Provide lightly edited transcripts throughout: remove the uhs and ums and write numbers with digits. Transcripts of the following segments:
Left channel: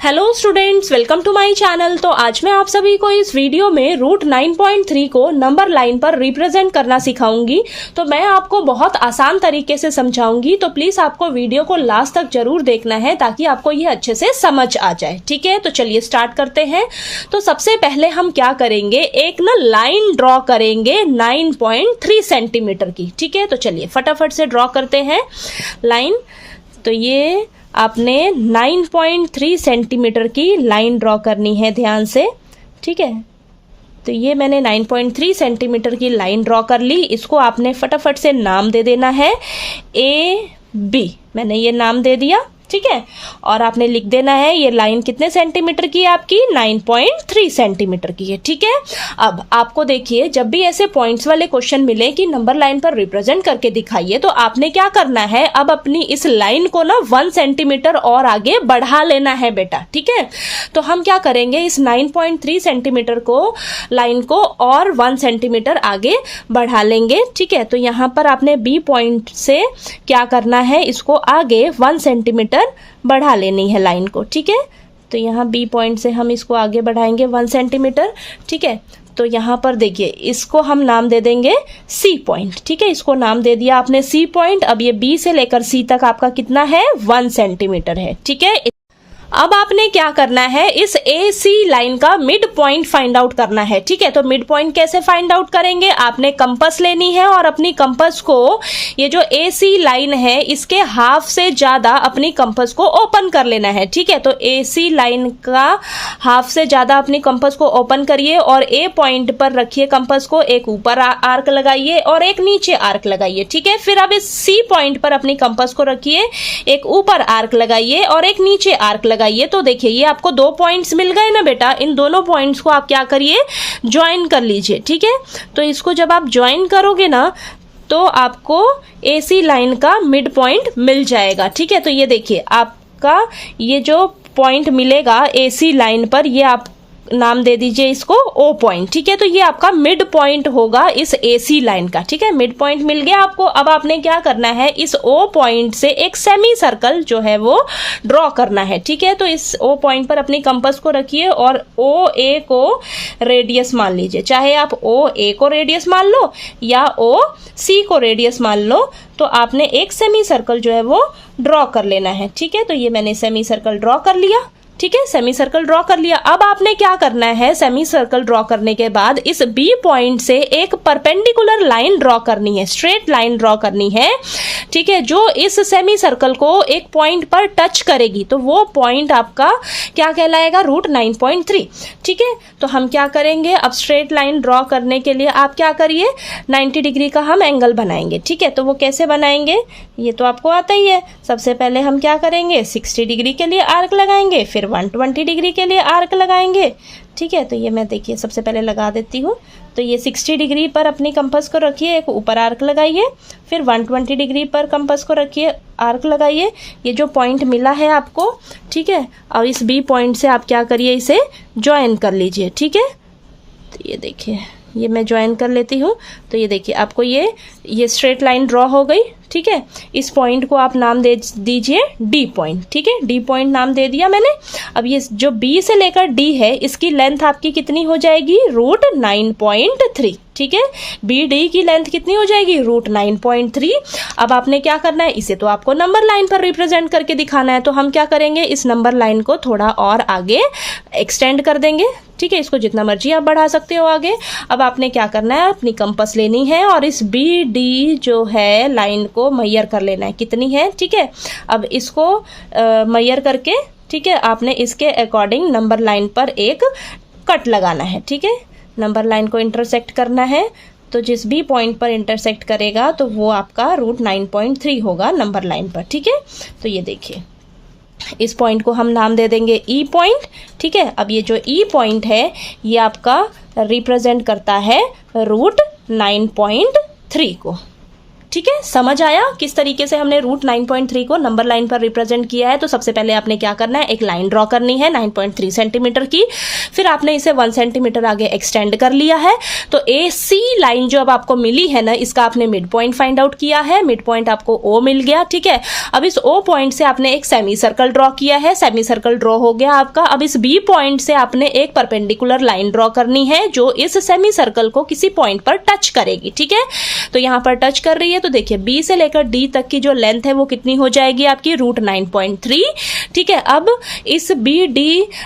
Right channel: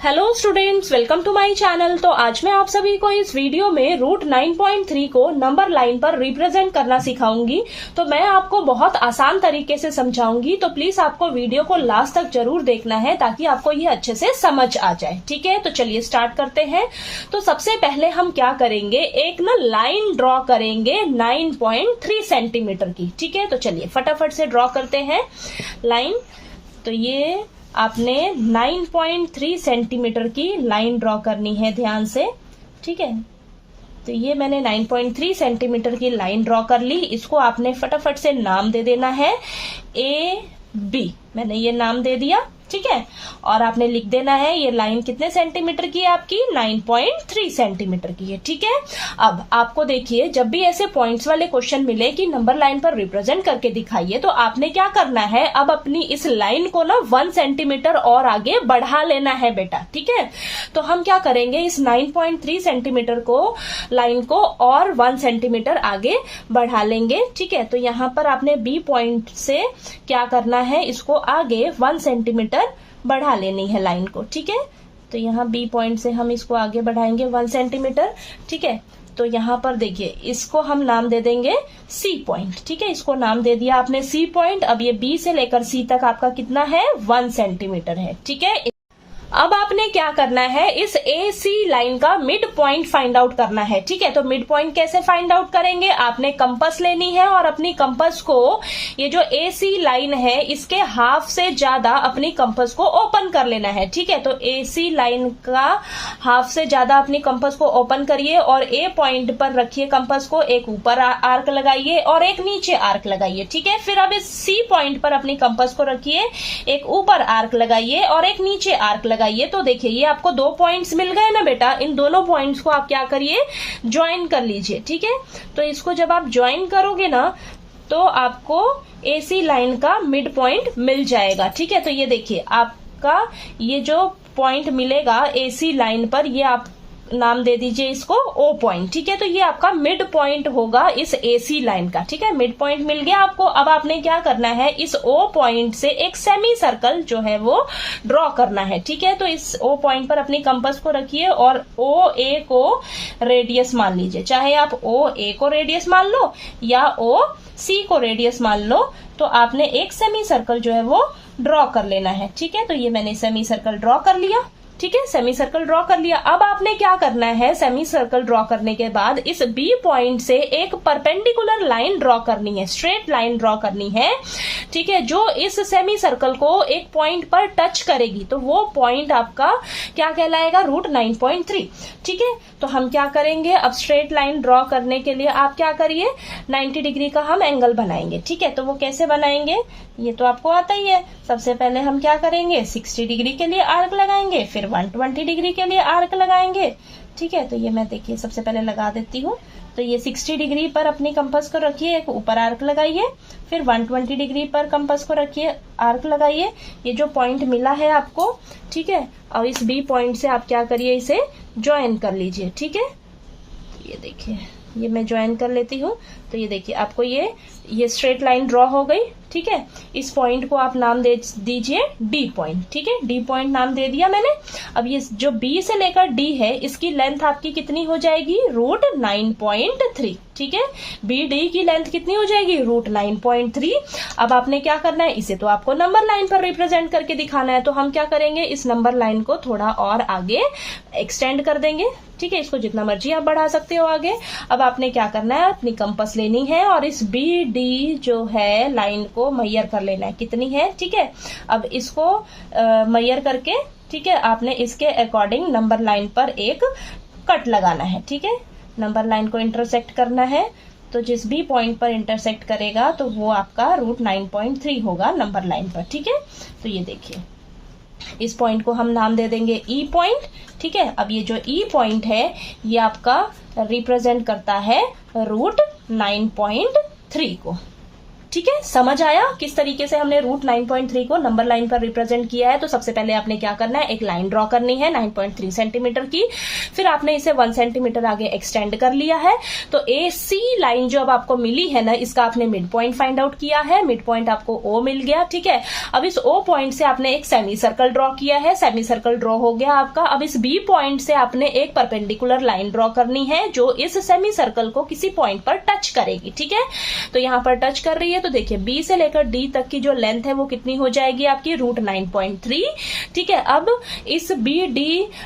Hello students, welcome to my channel. तो आज मैं आप सभी को इस वीडियो में रूट 9.3 को नंबर लाइन पर रिप्रेजेंट करना सिखाऊंगी। तो मैं आपको बहुत आसान तरीके से समझाऊंगी, तो प्लीज आपको वीडियो को लास्ट तक जरूर देखना है ताकि आपको ये अच्छे से समझ आ जाए। ठीक है, तो चलिए स्टार्ट करते हैं। तो सबसे पहले हम क्या करेंगे, एक ना लाइन ड्रॉ करेंगे 9.3 सेंटीमीटर की। ठीक है, तो चलिए फटाफट से ड्रॉ करते हैं लाइन। तो ये आपने 9.3 सेंटीमीटर की लाइन ड्रॉ करनी है ध्यान से। ठीक है, तो ये मैंने 9.3 सेंटीमीटर की लाइन ड्रॉ कर ली। इसको आपने फटाफट से नाम दे देना है AB। मैंने ये नाम दे दिया। ठीक है, और आपने लिख देना है ये लाइन कितने सेंटीमीटर की है आपकी, 9.3 सेंटीमीटर की है। ठीक है, अब आपको देखिए जब भी ऐसे पॉइंट्स वाले क्वेश्चन मिले कि नंबर लाइन पर रिप्रेजेंट करके दिखाइए, तो आपने क्या करना है, अब अपनी इस लाइन को ना 1 सेंटीमीटर और आगे बढ़ा लेना है बेटा। ठीक है, तो हम क्या करेंगे, इस 9.3 सेंटीमीटर को लाइन को और 1 सेंटीमीटर आगे बढ़ा लेंगे। ठीक है, तो यहां पर आपने B पॉइंट से क्या करना है, इसको आगे 1 सेंटीमीटर बढ़ा लेनी है लाइन को। ठीक है, तो यहाँ B पॉइंट से हम इसको आगे बढ़ाएंगे 1 सेंटीमीटर। ठीक है, तो यहाँ पर देखिए इसको हम नाम दे देंगे C पॉइंट। ठीक है, इसको नाम दे दिया आपने C पॉइंट। अब ये B से लेकर C तक आपका कितना है, 1 सेंटीमीटर है। ठीक है, अब आपने क्या करना है, इस AC लाइन का मिड पॉइंट फाइंड आउट करना है। ठीक है, तो मिड पॉइंट कैसे फाइंड आउट करेंगे, आपने कंपास लेनी है और अपनी कंपास को ये जो AC लाइन है इसके हाफ से ज्यादा अपनी कंपास को ओपन कर लेना है। ठीक है, तो AC लाइन का हाफ से ज्यादा अपनी कंपास को ओपन करिए और A पॉइंट पर रखिए कंपास को, एक ऊपर आर्क लगाइए और एक नीचे आर्क लगाइए। ठीक है, फिर अब इस C पॉइंट पर अपनी कंपास को रखिए, एक ऊपर आर्क लगाइए और एक नीचे आर्क लगाइए। तो देखिए ये आपको 2 पॉइंट्स मिल गए ना बेटा। इन दोनों पॉइंट्स को आप क्या करिए, ज्वाइन कर लीजिए। ठीक है, तो इसको जब आप ज्वाइन करोगे ना तो आपको AC लाइन का मिड पॉइंट मिल जाएगा। ठीक है, तो ये देखिए आपका ये जो पॉइंट मिलेगा AC लाइन पर, ये आप नाम दे दीजिए इसको O पॉइंट। ठीक है, तो ये आपका मिड पॉइंट होगा इस AC लाइन का। ठीक है, मिड पॉइंट मिल गया आपको। अब आपने क्या करना है, इस O पॉइंट से एक सेमी सर्कल जो है वो ड्रॉ करना है। ठीक है, तो इस O पॉइंट पर अपनी कंपास को रखिए और OA को रेडियस मान लीजिए। चाहे आप OA को रेडियस मान लो या OC को रेडियस मान लो, तो आपने एक सेमी सर्कल जो है वो ड्रॉ कर लेना है। ठीक है, तो ये मैंने सेमी सर्कल ड्रॉ कर लिया। ठीक है, सेमी सर्कल ड्रॉ कर लिया। अब आपने क्या करना है, सेमी सर्कल ड्रॉ करने के बाद इस B पॉइंट से एक परपेंडिकुलर लाइन ड्रॉ करनी है, स्ट्रेट लाइन ड्रॉ करनी है। ठीक है, जो इस सेमी सर्कल को एक पॉइंट पर टच करेगी, तो वो पॉइंट आपका क्या कहलाएगा, रूट 9.3। ठीक है, तो हम क्या करेंगे, अब स्ट्रेट लाइन ड्रॉ करने के लिए आप क्या करिए, 90 डिग्री का हम एंगल बनाएंगे। ठीक है, तो वो कैसे बनाएंगे ये तो आपको आता ही है। सबसे पहले हम क्या करेंगे, 60 डिग्री के लिए आर्क लगाएंगे, फिर 120 डिग्री के लिए आर्क लगाएंगे। ठीक है, तो ये मैं देखिए सबसे पहले लगा देती हूँ। तो ये 60 डिग्री पर अपनी कंपास को रखिए, एक ऊपर आर्क लगाइए, फिर 120 डिग्री पर कंपास को रखिए, आर्क लगाइए। ये जो पॉइंट मिला है आपको, ठीक है, और इस B पॉइंट से आप क्या करिए, इसे ज्वाइन कर लीजिए। ठीक है, तो ये देखिए ये मैं ज्वाइन कर लेती हूँ। तो ये देखिए आपको ये स्ट्रेट लाइन ड्रॉ हो गई। ठीक है, इस पॉइंट को आप नाम दे दीजिए D पॉइंट। ठीक है, D पॉइंट नाम दे दिया मैंने। अब ये जो B से लेकर D है, इसकी लेंथ आपकी कितनी हो जाएगी, रूट 9.3। ठीक है, BD की लेंथ कितनी हो जाएगी, रूट 9.3। अब आपने क्या करना है, इसे तो आपको नंबर लाइन पर रिप्रेजेंट करके दिखाना है, तो हम क्या करेंगे, इस नंबर लाइन को थोड़ा और आगे एक्सटेंड कर देंगे। ठीक है, इसको जितना मर्जी आप बढ़ा सकते हो आगे। अब आपने क्या करना है, अपनी कंपास लेनी है और इस BD जो है लाइन को मैयर कर लेना है, कितनी है। ठीक है, अब इसको मैयर करके, ठीक है, आपने इसके अकॉर्डिंग नंबर लाइन पर एक कट लगाना है। ठीक है, नंबर लाइन को इंटरसेक्ट करना है, तो जिस B पॉइंट पर इंटरसेक्ट करेगा तो वो आपका रूट 9.3 होगा नंबर लाइन पर। ठीक है, तो ये देखिए इस पॉइंट को हम नाम दे देंगे E पॉइंट। ठीक है, अब ये जो E पॉइंट है ये आपका रिप्रेजेंट करता है रूट 9.3 को। ठीक है, समझ आया किस तरीके से हमने रूट 9.3 को नंबर लाइन पर रिप्रेजेंट किया है। तो सबसे पहले आपने क्या करना है, एक लाइन ड्रॉ करनी है 9.3 सेंटीमीटर की, फिर आपने इसे 1 सेंटीमीटर आगे एक्सटेंड कर लिया है। तो AC लाइन जो अब आपको मिली है ना, इसका आपने मिड पॉइंट फाइंड आउट किया है, मिड पॉइंट आपको O मिल गया। ठीक है, अब इस O पॉइंट से आपने एक सेमी सर्कल ड्रॉ किया है, सेमी सर्कल ड्रॉ हो गया आपका। अब इस B पॉइंट से आपने एक परपेंडिकुलर लाइन ड्रॉ करनी है जो इस सेमी सर्कल को किसी पॉइंट पर टच करेगी। ठीक है, तो यहां पर टच कर रही है, तो देखिए B से लेकर D तक की जो लेंथ है वो कितनी हो जाएगी आपकी, रूट 9.3। ठीक है, अब इस BD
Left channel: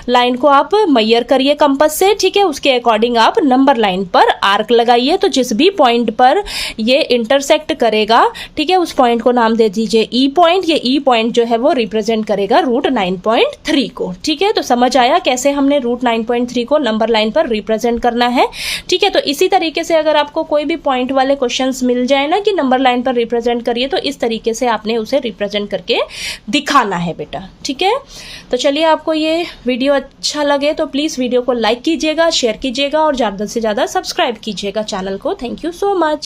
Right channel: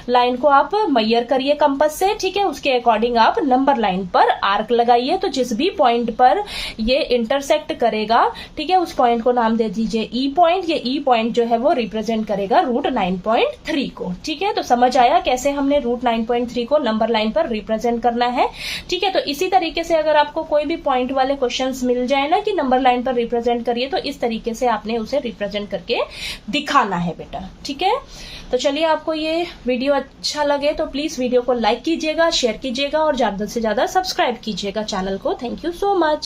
लाइन को आप मेजर करिए कंपास से। ठीक है, उसके अकॉर्डिंग आप नंबर लाइन पर आर्क लगाइए। तो जिस भी पॉइंट पर ये इंटरसेक्ट करेगा, ठीक है, उस पॉइंट को नाम दे दीजिए E पॉइंट। ये E पॉइंट जो है वो रिप्रेजेंट करेगा रूट 9.3 को। ठीक है, तो समझ आया कैसे हमने रूट 9.3 को नंबर लाइन पर रिप्रेजेंट करना है। ठीक है, तो इसी तरीके से अगर आपको कोई भी पॉइंट वाले क्वेश्चंस मिल जाए ना कि नंबर लाइन पर रिप्रेजेंट करिए, तो इस तरीके से आपने उसे रिप्रेजेंट करके दिखाना है बेटा। ठीक है, तो चलिए, आपको ये वीडियो अच्छा लगे तो प्लीज वीडियो को लाइक कीजिएगा, शेयर कीजिएगा और ज्यादा से ज्यादा सब्सक्राइब कीजिएगा चैनल को। Thank you so much.